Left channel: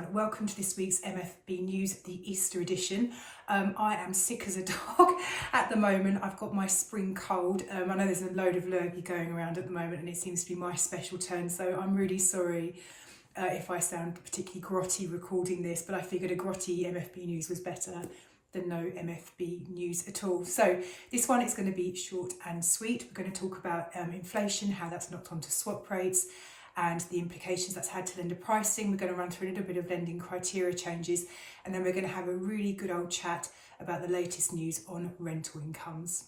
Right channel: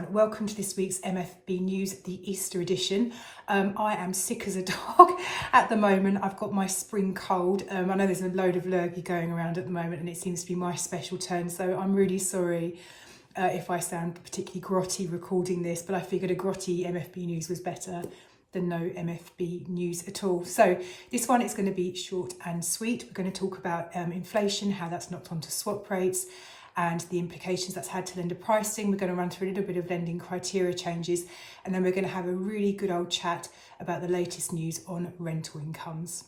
Browne. Welcome to this week's MFB News, the Easter edition. I am sick as a dog at the moment. I've got my spring cold. I know there's a load of lurgy going around at the moment and it seems to be my special turn, so I'm really sorry if I sound particularly grotty recording this, but I figured a grotty MFB News was better than no MFB news at all. So this one is going to be short and sweet. We're going to talk about inflation, how that's knocked onto swap rates, and the implications that's had to lender pricing. We're going to run through a little bit of lending criteria changes, and then we're going to have a really good old chat about the latest news on rental incomes.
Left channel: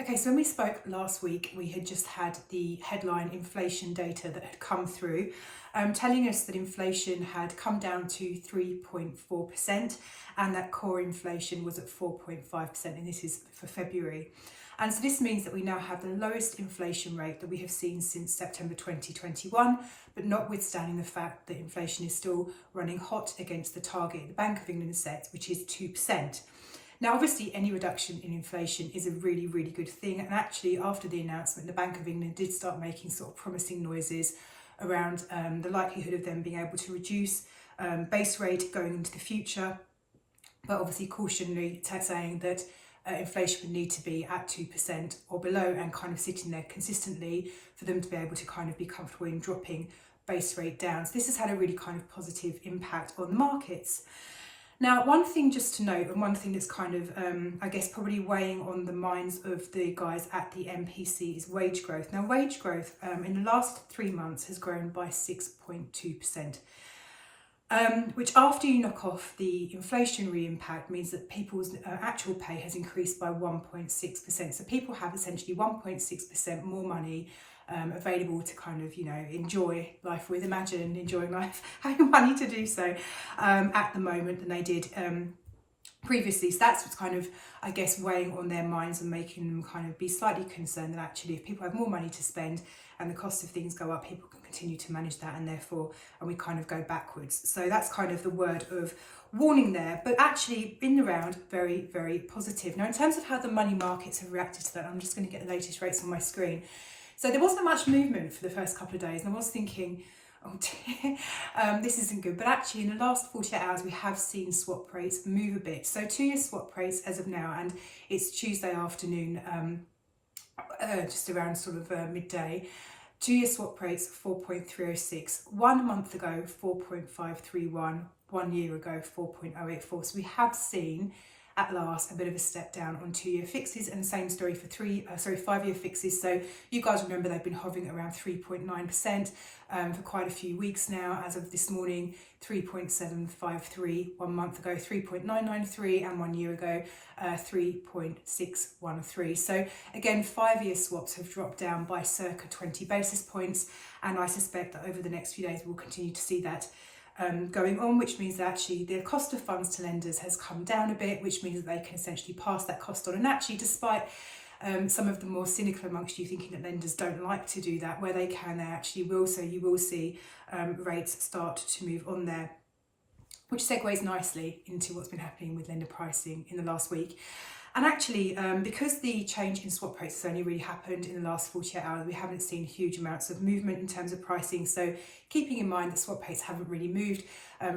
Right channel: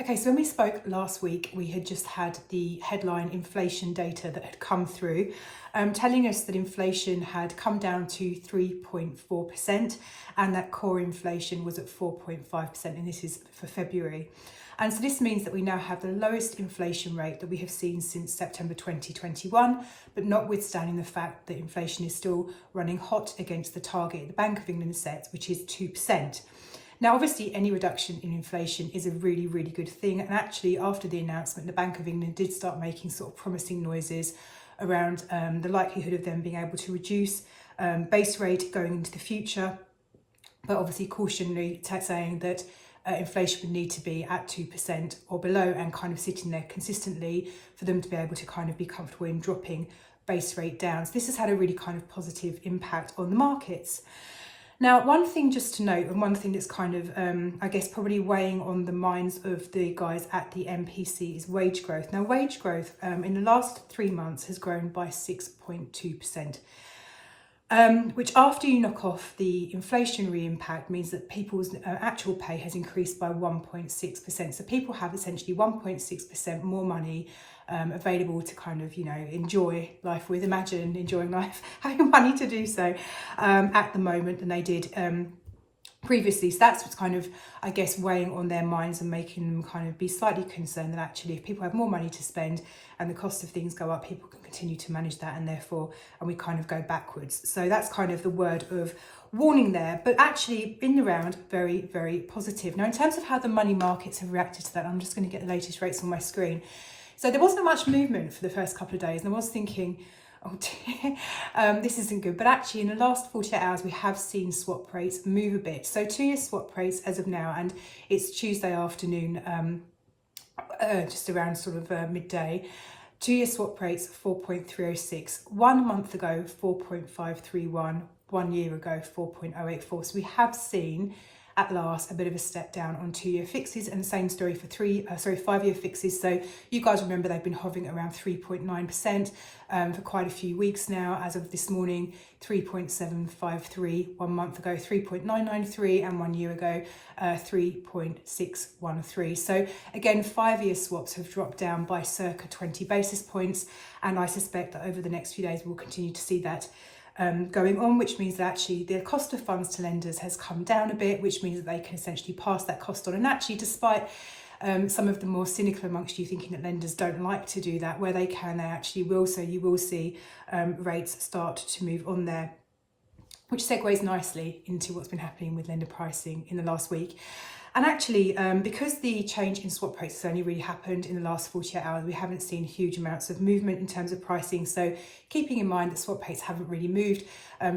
Okay, so when we spoke last week, we had just had the headline inflation data that had come through, telling us that inflation had come down to 3.4% and that core inflation was at 4.5%, and this is for February. And so this means that we now have the lowest inflation rate that we have seen since September 2021, but notwithstanding the fact that inflation is still running hot against the target the Bank of England set, which is 2%. Now, obviously, any reduction in inflation is a really, really good thing. And actually, after the announcement, the Bank of England did start making sort of promising noises around the likelihood of them being able to reduce base rate going into the future, but obviously cautionary saying that inflation would need to be at 2% or below and kind of sitting there consistently for them to be able to kind of be comfortable in dropping base rate down. So this has had a really kind of positive impact on the markets. Now, one thing just to note, and one thing that's kind of, I guess, probably weighing on the minds of the guys at the MPC is wage growth. Now, wage growth in the last 3 months has grown by 6.2%. Which, after you knock off the inflationary impact, means that people's actual pay has increased by 1.6%. So people have essentially 1.6% more money available to kind of, enjoy life with. Imagine enjoying life, having money to do so at the moment than they did previously. So that's what's kind of, I guess, weighing on their minds and making them kind of be slightly concerned that actually if people have more money to spend and the cost of things go up, people can continue to manage that, and therefore, and we kind of go backwards. So that's kind of the word of warning there, but actually in the round, very, very positive. Now, in terms of how the money markets have reacted to that, I'm just going to get the latest rates on my screen. So there wasn't much movement for the first couple of days, and I was thinking, oh dear, this isn't good. But actually in the last 48 hours, we have seen swap rates move a bit. So 2-year swap rates as of now, and it's Tuesday afternoon, just around sort of midday. 2-year swap rates 4.306. 1 month ago 4.531. 1 year ago 4.084. So we have seen at last a bit of a step down on 2-year fixes, and the same story for 5-year fixes. So you guys remember they've been hovering around 3.9% for quite a few weeks now. As of this morning, 3.753. 1 month ago 3.993, and 1 year ago 3.613. So again, 5-year swaps have dropped down by circa 20 basis points, and I suspect that over the next few days we'll continue to see that going on, which means that actually the cost of funds to lenders has come down a bit, which means that they can essentially pass that cost on. And actually, despite some of the more cynical amongst you thinking that lenders don't like to do that, where they can, they actually will. So you will see rates start to move on there, which segues nicely into what's been happening with lender pricing in the last week. And actually, because the change in swap rates has only really happened in the last 48 hours, we haven't seen huge amounts of movement in terms of pricing. So keeping in mind that swap rates haven't really moved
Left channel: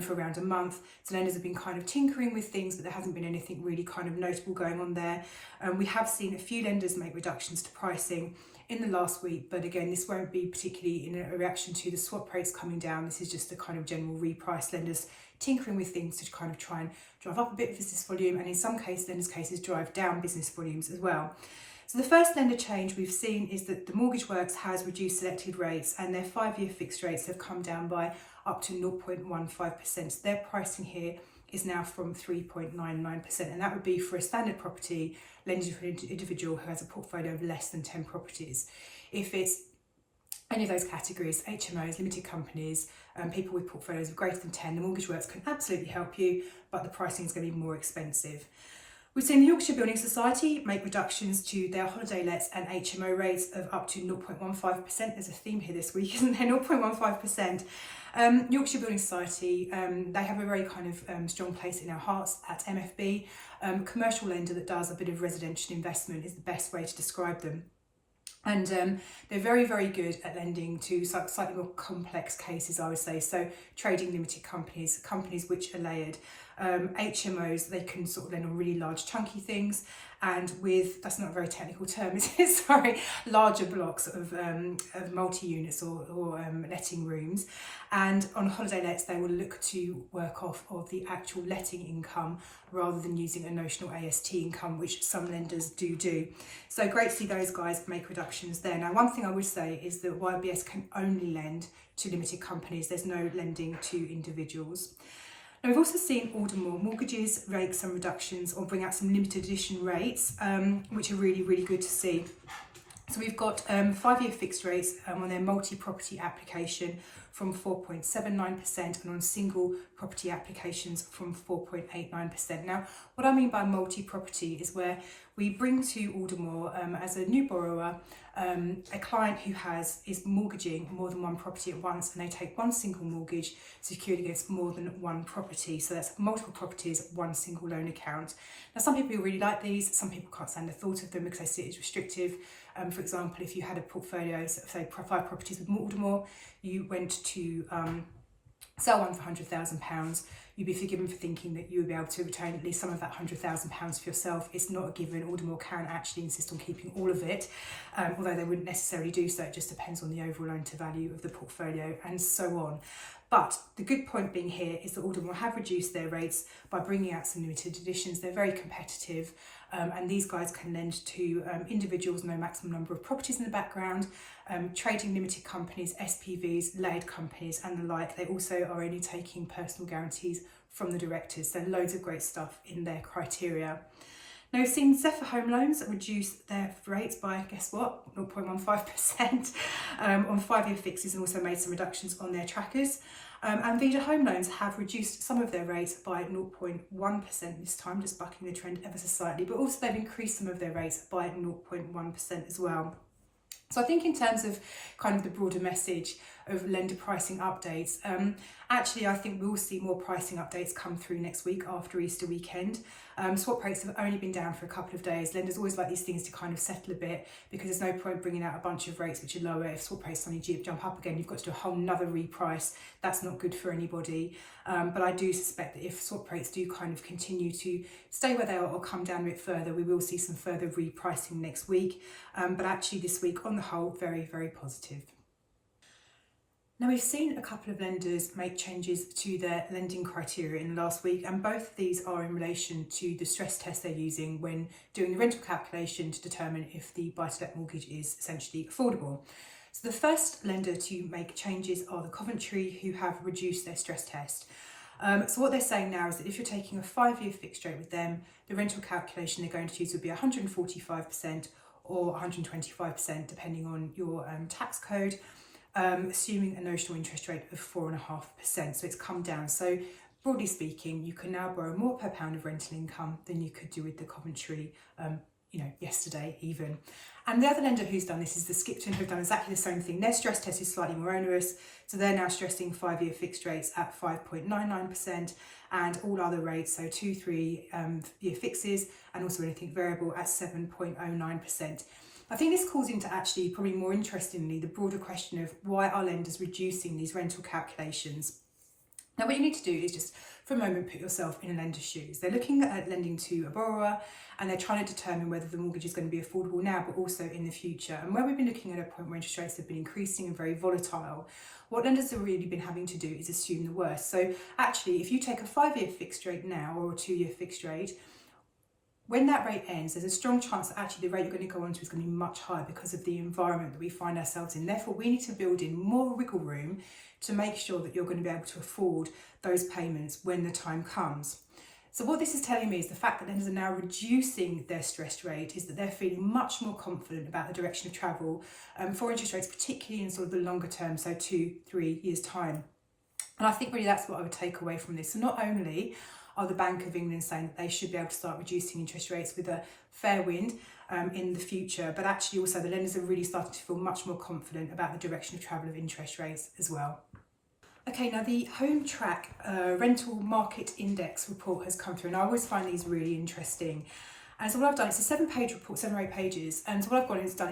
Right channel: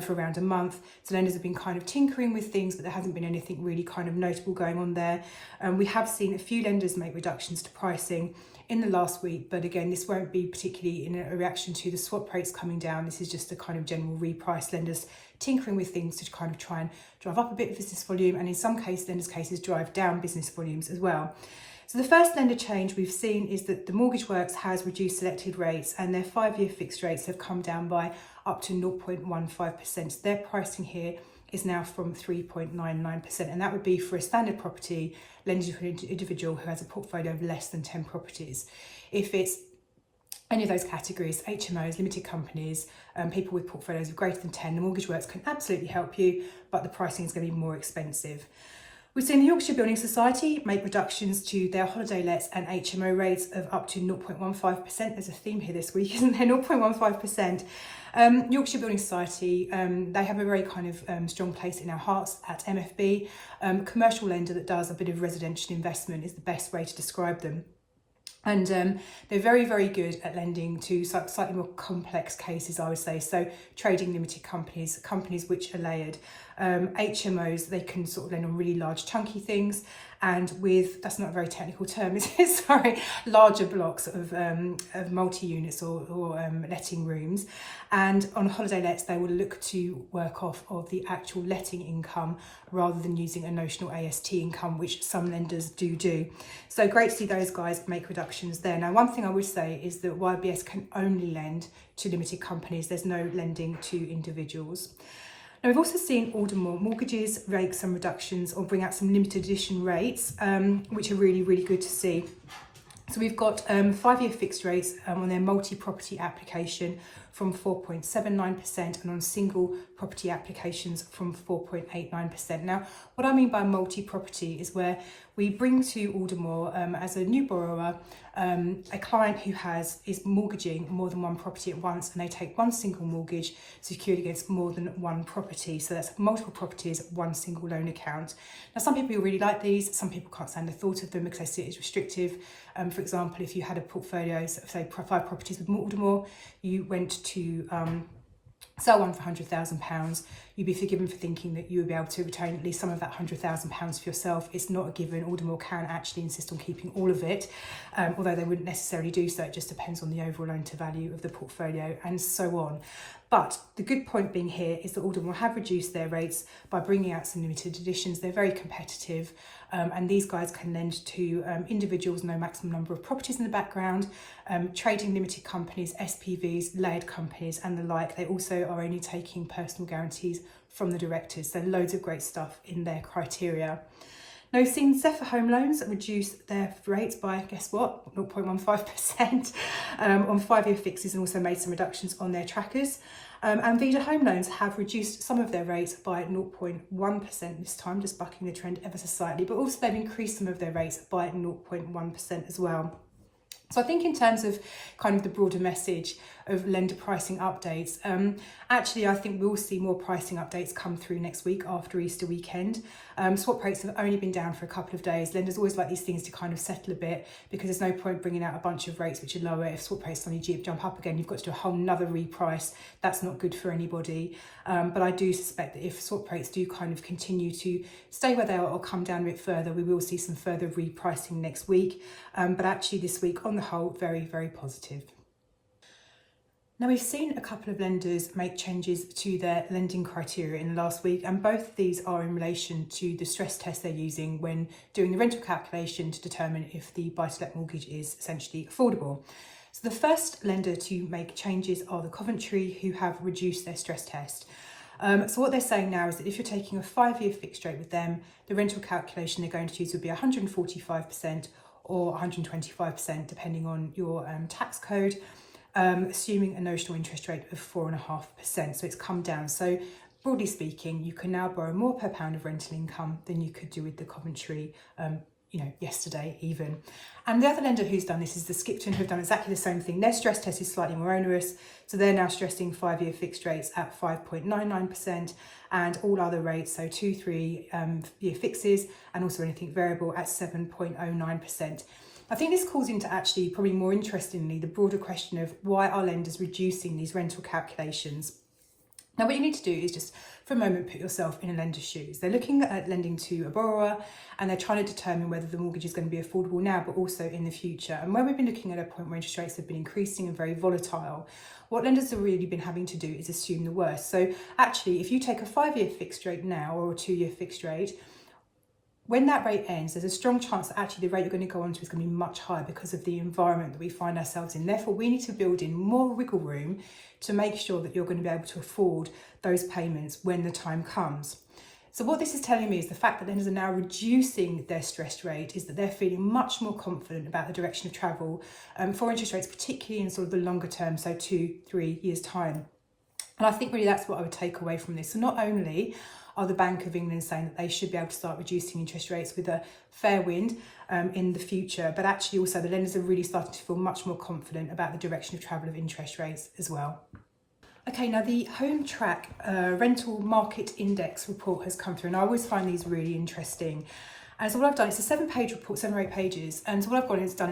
for around a month, so lenders have been kind of tinkering with things, but there hasn't been anything really kind of notable going on there. We have seen a few lenders make reductions to pricing in the last week, but again, this won't be particularly in a reaction to the swap rates coming down. This is just a kind of general reprice, lenders tinkering with things to kind of try and drive up a bit of business volume, and in some cases, lenders' cases, drive down business volumes as well. So the first lender change we've seen is that the Mortgage Works has reduced selected rates, and their 5-year fixed rates have come down by up to 0.15%. So their pricing here is now from 3.99%, and that would be for a standard property lending to an individual who has a portfolio of less than 10 properties. If it's any of those categories, HMOs, limited companies, people with portfolios of greater than 10, the Mortgage Works can absolutely help you, but the pricing is going to be more expensive. We've seen the Yorkshire Building Society make reductions to their holiday lets and HMO rates of up to 0.15%. There's a theme here this week, isn't there? 0.15%. Yorkshire Building Society, they have a very kind of strong place in our hearts at MFB. Commercial lender that does a bit of residential investment is the best way to describe them. And they're very, very good at lending to slightly more complex cases, I would say. So trading limited companies, companies which are layered. HMOs, they can sort of lend on really large chunky things. And with, that's not a very technical term, is it? Sorry, larger blocks of multi-units or letting rooms. And on holiday lets, they will look to work off of the actual letting income rather than using a notional AST income, which some lenders do. So great to see those guys make reductions there. Now, one thing I would say is that YBS can only lend to limited companies. There's no lending to individuals. Now, we've also seen Aldermore Mortgages make some reductions or bring out some limited edition rates, which are really, really good to see. So we've got 5-year fixed rates on their multi-property application from 4.79% and on single property applications from 4.89%. Now, what I mean by multi-property is where we bring to Aldermore as a new borrower a client who is mortgaging more than one property at once, and they take one single mortgage secured against more than one property. So that's multiple properties, one single loan account. Now, some people really like these. Some people can't stand the thought of them because they see it as restrictive. For example, if you had a portfolio, say 5 properties with Aldermore, you went to sell one for £100,000, you'd be forgiven for thinking that you would be able to retain at least some of that £100,000 for yourself. It's not a given. Aldermore can actually insist on keeping all of it, although they wouldn't necessarily do so. It just depends on the overall loan to value of the portfolio and so on. But the good point being here is that Aldermore have reduced their rates by bringing out some limited editions. They're very competitive, and these guys can lend to individuals, no maximum number of properties in the background, trading limited companies, SPVs, layered companies and the like. They also are only taking personal guarantees from the directors. So loads of great stuff in their criteria. Now, we've seen Zephyr Home Loans reduce their rates by, guess what, 0.15% on 5-year fixes, and also made some reductions on their trackers. And Vida Home Loans have reduced some of their rates by 0.1% this time, just bucking the trend ever so slightly, but also they've increased some of their rates by 0.1% as well. So I think in terms of kind of the broader message of lender pricing updates, actually I think we'll see more pricing updates come through next week after Easter weekend. Swap rates have only been down for a couple of days. Lenders always like these things to kind of settle a bit, because there's no point bringing out a bunch of rates which are lower. If swap rates suddenly jump up again, you've got to do a whole nother reprice. That's not good for anybody. But I do suspect that if swap rates do kind of continue to stay where they are or come down a bit further, we will see some further repricing next week. But actually this week on the whole, very, very positive. Now, we've seen a couple of lenders make changes to their lending criteria in the last week, and both of these are in relation to the stress test they're using when doing the rental calculation to determine if the buy-to-let mortgage is essentially affordable. So the first lender to make changes are the Coventry, who have reduced their stress test. So what they're saying now is that if you're taking a 5-year fixed rate with them, the rental calculation they're going to use would be 145% or 125%, depending on your tax code. Assuming a notional interest rate of 4.5%. So it's come down. So broadly speaking, you can now borrow more per pound of rental income than you could do with the Coventry, yesterday even. And the other lender who's done this is the Skipton, who've done exactly the same thing. Their stress test is slightly more onerous. So they're now stressing 5-year fixed rates at 5.99% and all other rates, so 2-3-year fixes and also anything variable at 7.09%. I think this calls into actually, probably more interestingly, the broader question of why are lenders reducing these rental calculations? Now, what you need to do is just, for a moment, put yourself in a lender's shoes. They're looking at lending to a borrower and they're trying to determine whether the mortgage is going to be affordable now, but also in the future. And where we've been looking at a point where interest rates have been increasing and very volatile, what lenders have really been having to do is assume the worst. So actually, if you take a 5-year fixed rate now or a 2-year fixed rate, when that rate ends, there's a strong chance that actually the rate you're going to go on to is going to be much higher because of the environment that we find ourselves in. Therefore, we need to build in more wiggle room to make sure that you're going to be able to afford those payments when the time comes. So what this is telling me is the fact that lenders are now reducing their stress rate is that they're feeling much more confident about the direction of travel for interest rates, particularly in sort of the longer term, so 2-3 years' time. And I think really that's what I would take away from this. So not only are the Bank of England saying that they should be able to start reducing interest rates with a fair wind in the future, but actually also the lenders are really starting to feel much more confident about the direction of travel of interest rates as well. Okay, now the Home Track Rental Market Index report has come through, and I always find these really interesting. And so what I've done, it's a 7-page report, 7 or 8 pages. And so what I've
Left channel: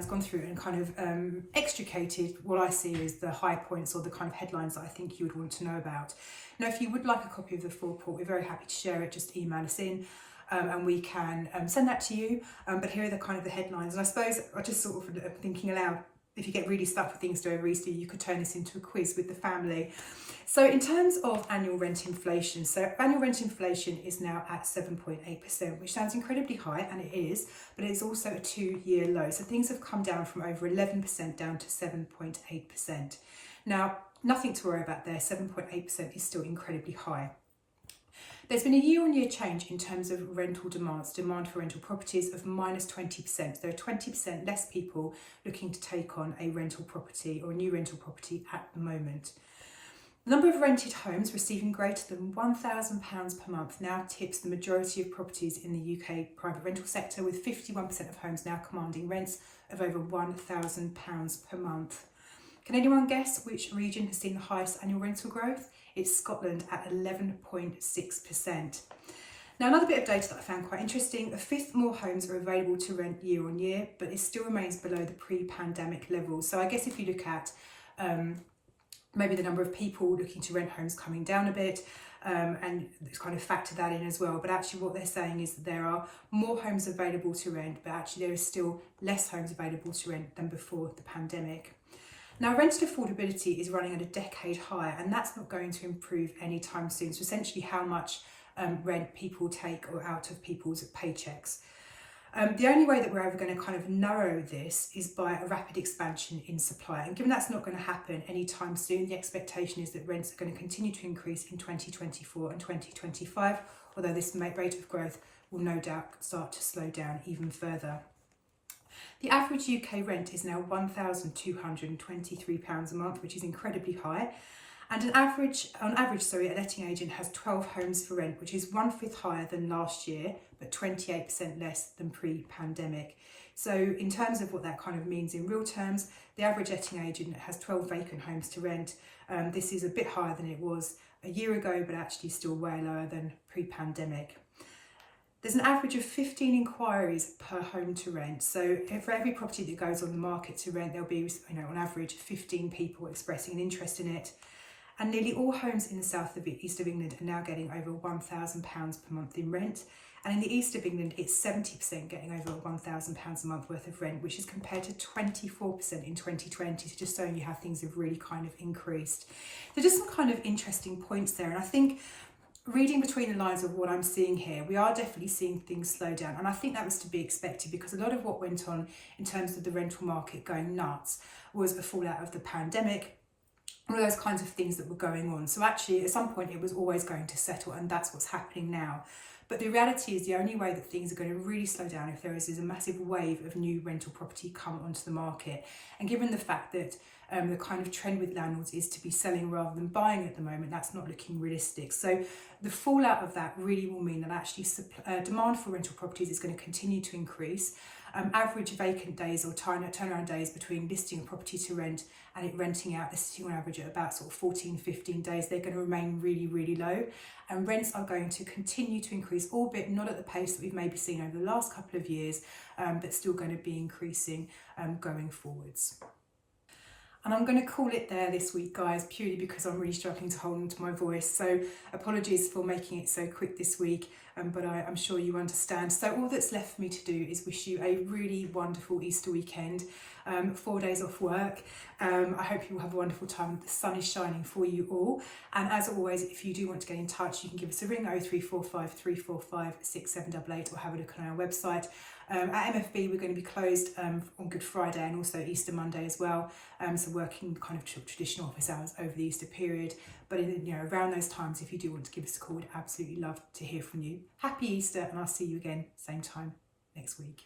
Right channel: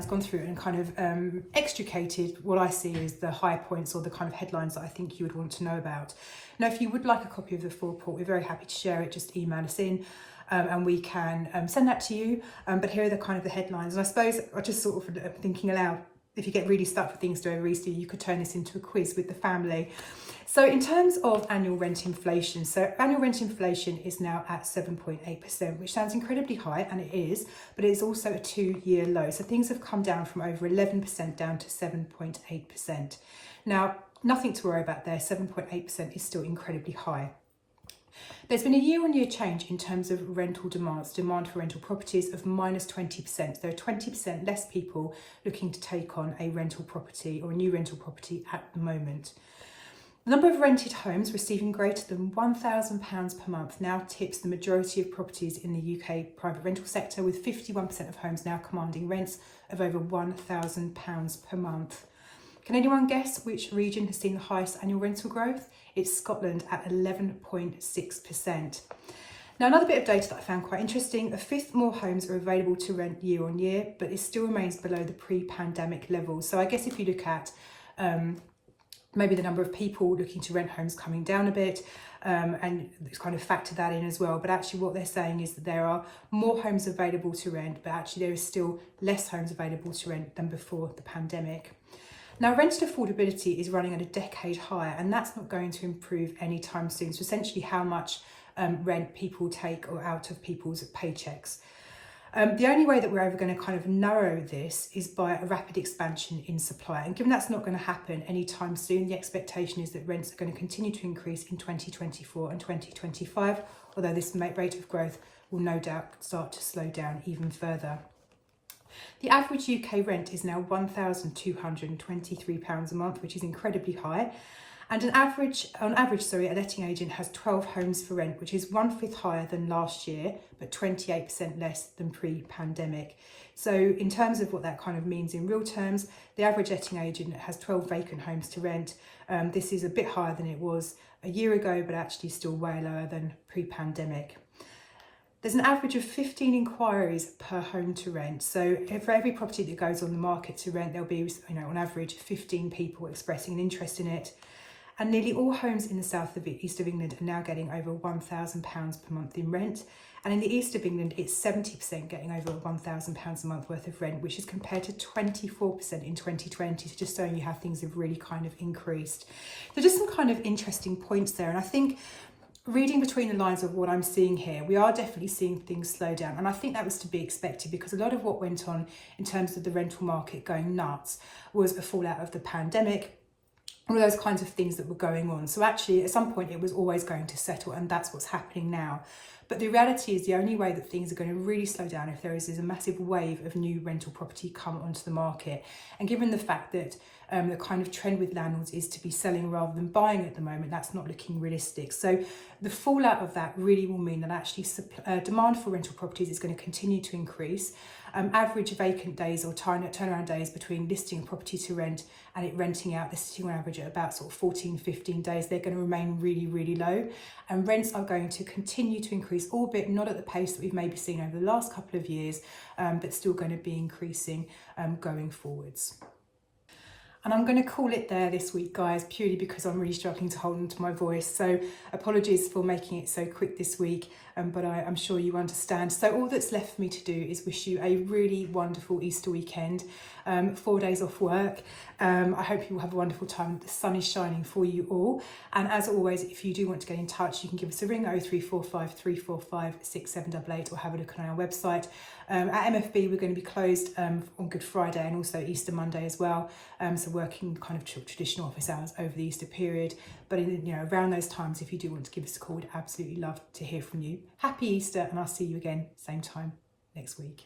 gone through and kind of extricated what I see as the high points or the kind of headlines that I think you would want to know about. Now, if you would like a copy of the full report, we're very happy to share it. Just email us in and we can send that to you. But here are the kind of the headlines. And I suppose I just sort of thinking aloud, if you get really stuck with things to do over Easter, you could turn this into a quiz with the family. So in terms of annual rent inflation, so annual rent inflation is now at 7.8%, which sounds incredibly high, and it is, but it's also a 2-year low. So things have come down from over 11% down to 7.8%. Now, nothing to worry about there. 7.8% is still incredibly high. There's been a year-on-year change in terms of rental demand for rental properties of minus 20%. There are 20% less people looking to take on a rental property or a new rental property at the moment. The number of rented homes receiving greater than £1,000 per month now tips the majority of properties in the UK private rental sector, with 51% of homes now commanding rents of over £1,000 per month. Can anyone guess which region has seen the highest annual rental growth? It's Scotland at 11.6%. Now, another bit of data that I found quite interesting, a fifth more homes are available to rent year on year, but it still remains below the pre-pandemic levels. So I guess if you look at maybe the number of people looking to rent homes coming down a bit, and it's kind of factor that in as well. But actually what they're saying is that there are more homes available to rent, but actually there is still less homes available to rent than before the pandemic. Now, rental affordability is running at a decade high, and that's not going to improve anytime soon. So essentially how much rent people take or out of people's paychecks. The only way that we're ever going to kind of narrow this is by a rapid expansion in supply. And given that's not going to happen anytime soon, the expectation is that rents are going to continue to increase in 2024 and 2025, although this rate of growth will no doubt start to slow down even further. The average UK rent is now £1,223 a month, which is incredibly high. And on average, a letting agent has 12 homes for rent, which is 1/5 higher than last year, but 28% less than pre-pandemic. So in terms of what that kind of means in real terms, the average letting agent has 12 vacant homes to rent. This is a bit higher than it was a year ago, but actually still way lower than pre-pandemic. There's an average of 15 inquiries per home to rent. So for every property that goes on the market to rent, there'll be, on average, 15 people expressing an interest in it. And nearly all homes in the east of England are now getting over £1,000 per month in rent. And in the east of England, it's 70% getting over £1,000 a month worth of rent, which is compared to 24% in 2020. So just showing you how things have really kind of increased. So just some kind of interesting points there. And I think reading between the lines of what I'm seeing here, we are definitely seeing things slow down. And I think that was to be expected, because a lot of what went on in terms of the rental market going nuts was a fallout of the pandemic, all those kinds of things that were going on. So actually at some point it was always going to settle, and that's what's happening now. But the reality is the only way that things are going to really slow down if there is a massive wave of new rental property come onto the market. And given the fact that the kind of trend with landlords is to be selling rather than buying at the moment, that's not looking realistic. So the fallout of that really will mean that actually demand for rental properties is going to continue to increase. Average vacant days or turnaround days between listing a property to rent and it renting out, they're sitting on average at about sort of 14, 15 days. They're going to remain really, really low, and rents are going to continue to increase, albeit not at the pace that we've maybe seen over the last couple of years, but still going to be increasing going forwards. And I'm going to call it there this week, guys, purely because I'm really struggling to hold on to my voice. So apologies for making it so quick this week, but I'm sure you understand. So all that's left for me to do is wish you a really wonderful Easter weekend, 4 days off work. I hope you will have a wonderful time. The sun is shining for you all. And as always, if you do want to get in touch, you can give us a ring, 0345 345 6788, or have a look on our website. At MFB, we're going to be closed on Good Friday and also Easter Monday as well. So working kind of traditional office hours over the Easter period. But around those times, if you do want to give us a call, we'd absolutely love to hear from you. Happy Easter, and I'll see you again same time next week.